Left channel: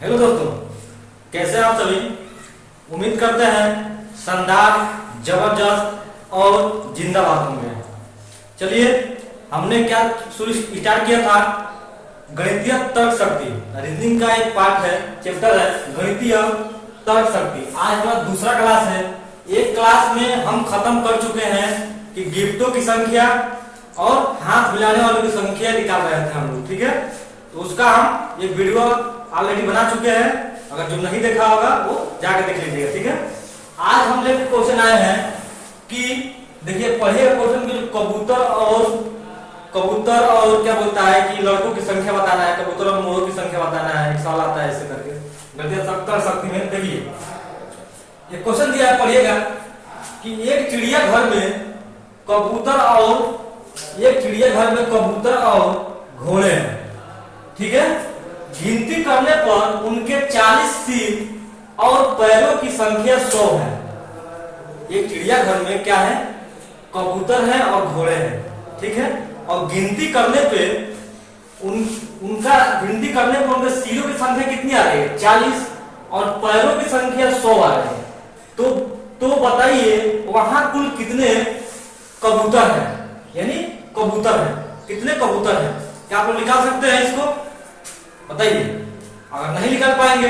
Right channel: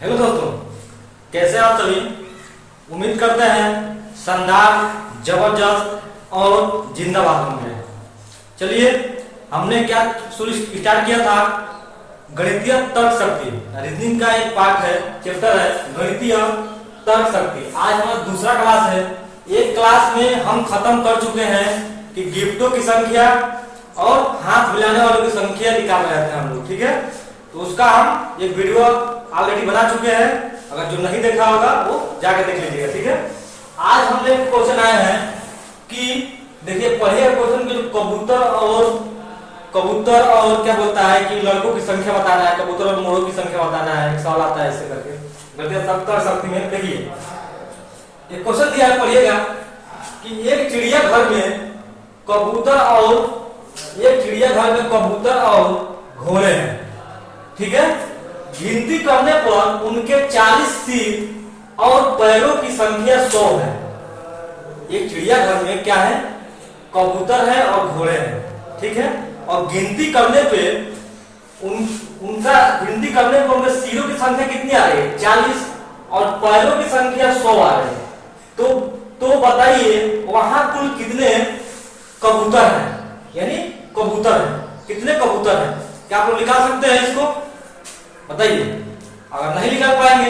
Hello दोस्तों, कैसे आप सभी। उम्मीद करते हैं शानदार, जबरदस्त और जिंदाबाद होंगे। चलिए, हमने क्या शुरू स्टार्ट किया था, गणितीय तर्क शक्ति, रीजनिंग का एक पार्ट है, चैप्टर है गणितीय तर्क शक्ति। आज हमारा दूसरा क्लास है। एक क्लास में हम खत्म कर चुके हैं कि गिफ्टों की संख्या और हाथ मिलाने वालों की संख्या निकाल रहे थे हम लोग, ठीक है। तो उसका हम एक वीडियो ऑलरेडी बना चुके हैं, अगर जो नहीं देखा होगा वो जाकर देख लीजिएगा, ठीक है। आज हम लोग क्वेश्चन आए हैं कि देखिए, पढ़िए क्वेश्चन की, जो कबूतर और क्या बोलता है कि लड़कों की संख्या बताना है, कबूतर और मोरों की संख्या बताना है। एक सवाल आता है ऐसे करके गणितीय तर्क शक्ति में। देखिए, ये क्वेश्चन दिया है, पढ़िएगा कि एक चिड़ियाघर में कबूतर और घोड़े हैं, ठीक है। गिनती करने पर उनके 40 सिर और पैरों की संख्या 100 है। एक चिड़ियाघर में क्या है, कबूतर है और घोड़े हैं, ठीक है। और गिनती करने पे उनके सिरों की संख्या कितनी आ रही है, 40, और पैरों की संख्या 100 आ रही है। तो बताइए वहां कुल कितने कबूतर हैं, यानी कबूतर है, कितने कबूतर हैं। क्या आप लोग निकाल सकते हैं इसको, बताइए। अगर नहीं निकाल पाएंगे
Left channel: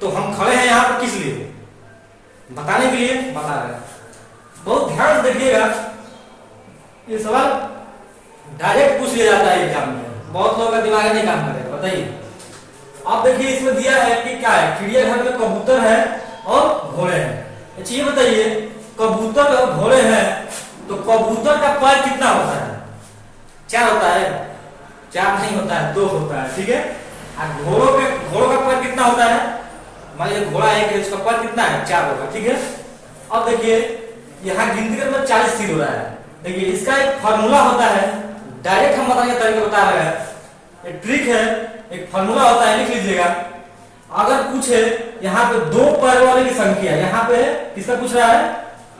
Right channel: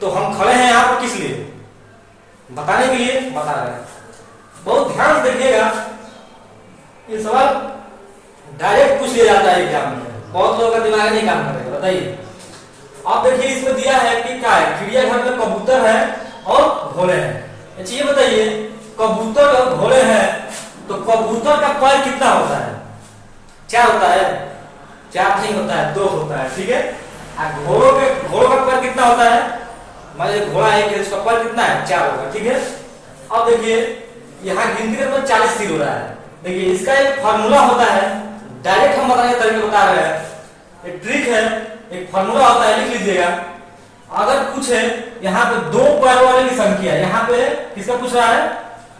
तो हम खड़े हैं यहाँ पर किस लिए, बताने के लिए बता रहे हैं। बहुत ध्यान से देखिएगा, ये सवाल डायरेक्ट पूछ लिया जाता है एग्जाम में, बहुत लोगों का दिमाग नहीं काम करेगा। बताइए, आप देखिए इसमें दिया है कि क्या है, चिड़ियाघर में कबूतर है और घोड़े हैं। अच्छा ये बताइए, कबूतर और घोड़े हैं तो कबूतर का पैर कितना होता है, 4 होता है, 4 नहीं होता है, 2 होता है, ठीक है। घोड़ों का पैर कितना होता है, मान लीजिए घोड़ा है, इसका पैर कितना है, 4 होगा, ठीक है। अब देखिए यहाँ गिनती करने में 40 सिर हो रहा है। देखिए इसका एक फार्मूला होता है, डायरेक्ट हम बताने का तरीका बता रहे हैं, एक ट्रिक है, एक फार्मूला होता है, लिख लीजिएगा। अगर पूछे यहाँ पे 2 पैर वाले की संख्या, यहाँ पे किसका पूछ रहा है,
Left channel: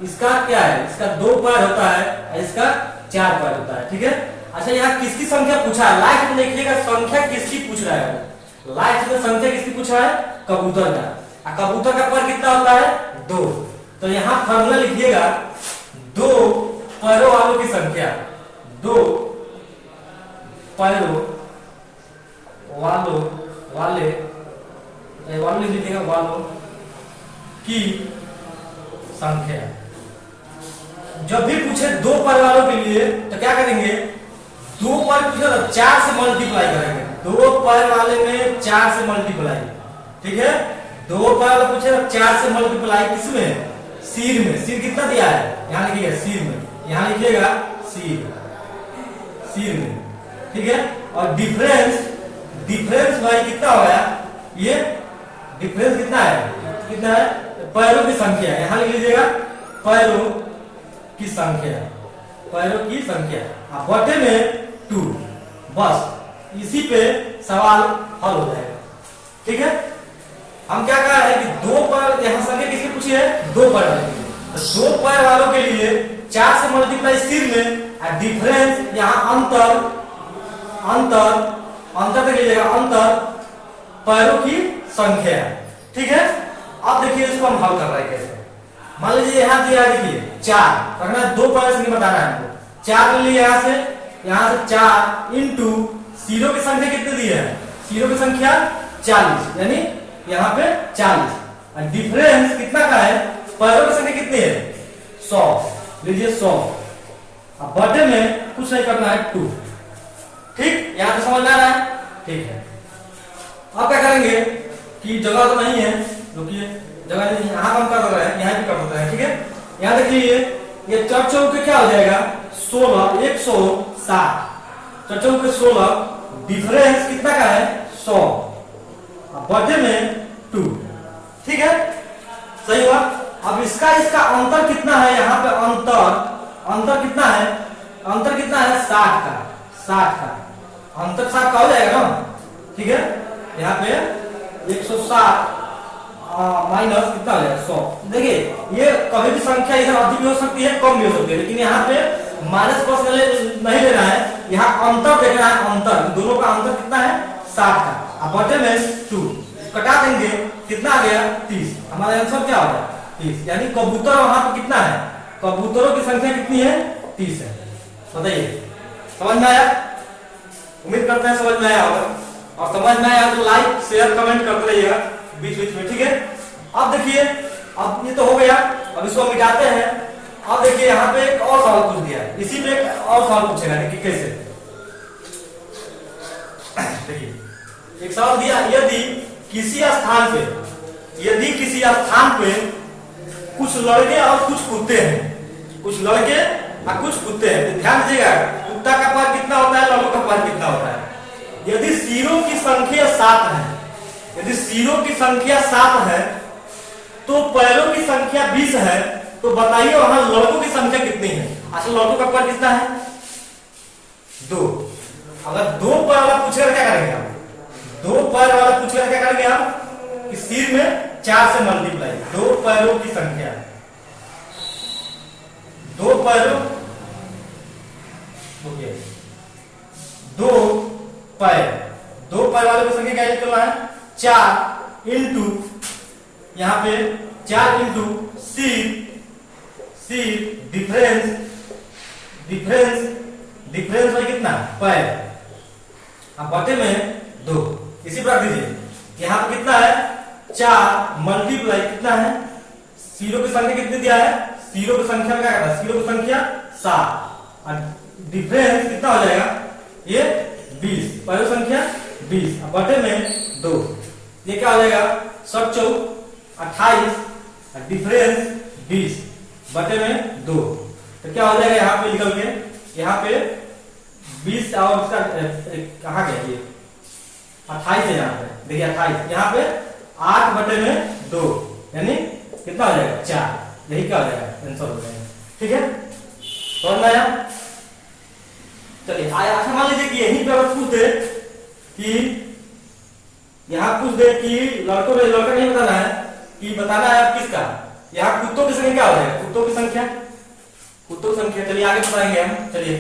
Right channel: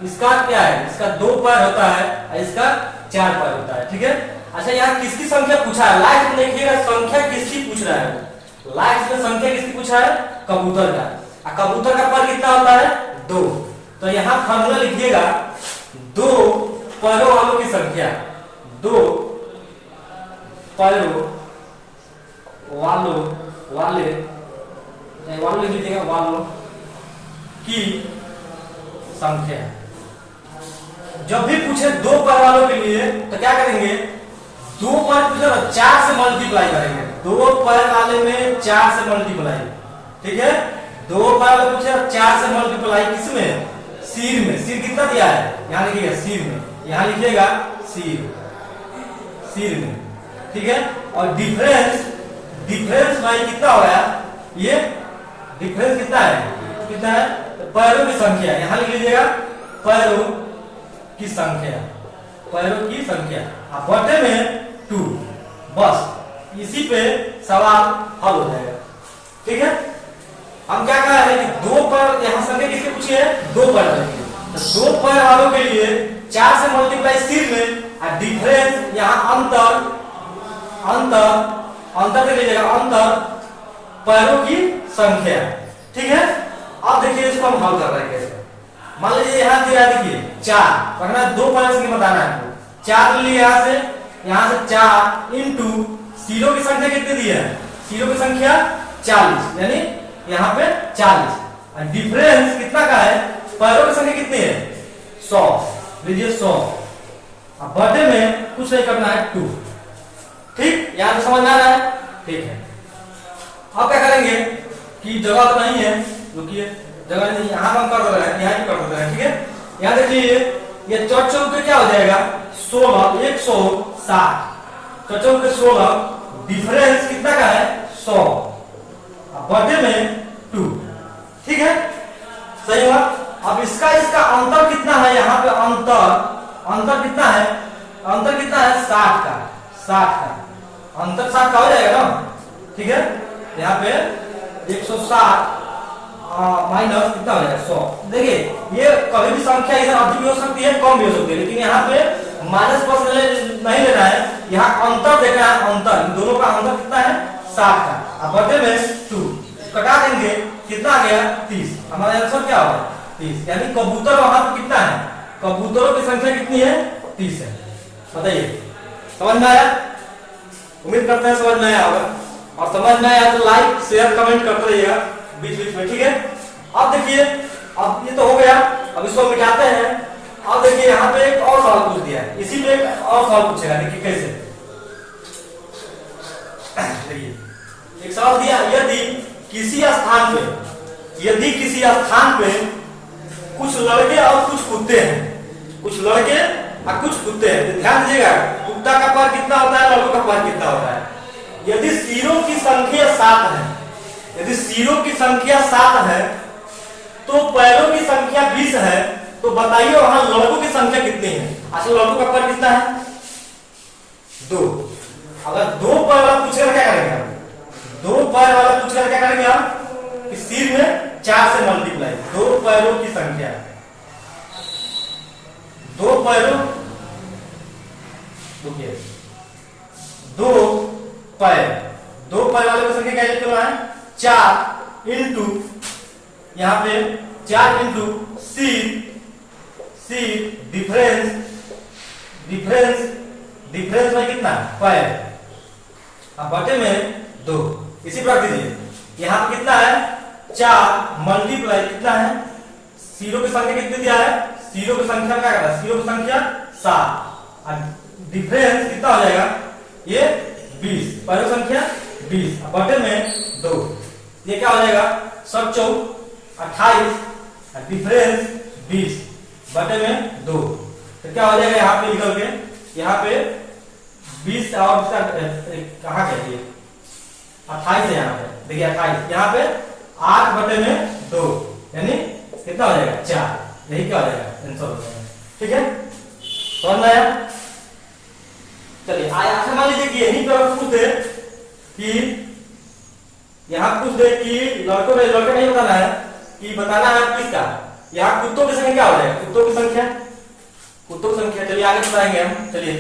इसका क्या है, इसका 2 पैर होता है और इसका 4 पैर होता है, ठीक है। अच्छा यहाँ किसकी संख्या पूछा है, लास्ट में देखिएगा संख्या किसकी पूछ रहा है, लास्ट में संख्या किसकी पूछा है, कबूतर का। कबूतर का पैर कितना होता है, 2। तो यहाँ फार्मूला लिखिएगा, 2 पैरों वालों की संख्या, 2 पैरों वाले लिख लीजिएगा, वालों की संख्या। जब भी पूछे 2 पैर वालों के लिए तो क्या करेंगे, 2 पैर पूछे तो 4 से मल्टीप्लाई करेंगे, 2 पैर वाले में 4 से मल्टीप्लाई, ठीक है। 2 पैर वाले पूछे 4 से मल्टीप्लाई किसमें, सिर में। सिर कितना दिया है, यहाँ लिखिएगा सिर में, यहाँ लिखिएगा सिर में, ठीक है। और डिफरेंस भाई कितना हो गया, ये डिफरेंस कितना है, पैरों की संख्या, यहाँ लिख लीजिएगा पैरों की संख्या, बटे में 2, बस इसी पे सवाल हल हो जाएगा, ठीक है। हम क्या कह रहे हैं कि 2 पैर, यहाँ संख्या किसकी पूछी है, 2 पैर वाले के लिए। तो 2 पैर वालों के लिए 4 से मल्टीप्लाई सिर में, और डिफरेंस यहाँ अंतर देख लीजिएगा, अंतर पैरों की संख्या, ठीक है। अब देखिए इसको हम हल कर रहे हैं कैसे। मान लीजिए यहाँ दिया, देखिए 4 रखना है, 2 पैर से बताना है हमको। 4 ले लिया यहाँ से 4 इंटू सिरों की संख्या कितनी दी है, सिरों की संख्या 40, यानी यहाँ पे 40, और डिफरेंस कितना का है, पैरों की संख्या कितनी है, 100, लीजिए 100। अब बटे में कुछ नहीं करना है, 2, ठीक। यहाँ से समझ में आ रहा है, ठीक है। अब क्या करेंगे कि जगह तो नहीं है, रुकिए, जगह नहीं, यहाँ हम कर रहे हैं, यहाँ भी कर सकते हैं, ठीक है। यहाँ देखिए ये 4 चौके क्या हो जाएगा, 16, 160, 4 चौके 16, डिफरेंस कितना का है, 100, बटे में 2, ठीक है, सही हुआ। अब इसका अंतर कितना है, यहाँ पे अंतर कितना है, 60 का, अंतर 60 का हो जाएगा ना, ठीक है। यहाँ पे 160 माइनस कितना हो जाएगा, 100। देखिए ये कभी भी संख्या इधर अधिक भी हो सकती है, कम भी हो सकती है, लेकिन यहाँ पे माइनस प्लस नहीं लेना है, यहाँ अंतर देखना है, अंतर दोनों का अंतर कितना है, 60 का, अब बटे में 2। कटा देंगे, कितना आ गया 30। हमारा आंसर क्या होगा 30। यानी कबूतर वहां पर कितना है, कबूतरों की संख्या कितनी है 30 है। बताइए समझ में आया? उम्मीद करते हैं समझ में आया होगा, और समझ में आया तो लाइक शेयर कमेंट करते रहिएगा बीच बीच में, ठीक है। अब देखिए, अब ये तो हो गया, अब इसको मिटाते हैं। अब देखिए यहाँ पे एक और सवाल पूछ दिया है, इसी पे एक और सवाल पूछेगा, देखिए कैसे। देखिए एक सवाल दिया, यदि किसी स्थान पे कुछ लड़के और कुछ कुत्ते हैं, कुछ लड़के और कुछ कुत्ते हैं, तो ध्यान दीजिएगा कुत्ता का पैर कितना होता है, लड़कों का पैर कितना होता है। यदि सिरों की संख्या 7 है, यदि सिरों की संख्या 7 है तो पैरों की संख्या 20 है, तो बताइए वहां लड़कों की संख्या कितनी है। असल लड़कों का पैर कितना है 2। अगर 2 पैर वाला पूछकर क्या करेंगे आप, 2 पैर वाला पूछकर क्या करेंगे आप कि सिर में 4 से मल्टीप्लाई, 2 पैरों की संख्या, 2 पैरों, 2 पैर, 2 पैर वाले की संख्या क्या लिखना है 4 इंटू, यहां पे 4 इंटू डिफरेंस में कितना पैर, अब बटे में 2। इसी प्रकार दीजिए यहां पे कितना है 4 मल्टीप्लाई कितना है, सीरो की संख्या कितनी दिया है, सीरो की संख्या में क्या करता है, सीरो की संख्या 7 और डिफरेंस कितना हो जाएगा ये 20, पैरों संख्या 20 बटे में 2, ये क्या हो जाएगा 28 और डिफरेंस 20 बटे में 2। तो क्या हो जाएगा यहाँ पे निकल के, यहाँ पे 20 और इसका कहाँ गया ये 28 है, यहाँ पे देखिए 28, यहाँ पे 8 बटे में 2 यानी कितना हो जाएगा 4, यही क्या हो जाएगा आंसर हो जाएगा, ठीक है। समझ में आया? चलिए अच्छा मान लीजिए कि यही पर पूछ दे कि यहाँ पूछ दे कि लड़कों नहीं बताना है, कि बताना है किसका, यहाँ कुत्तों की संख्या क्या हो जाएगा, कुत्तों की संख्या, चलिए आगे बताएंगे हम, चलिए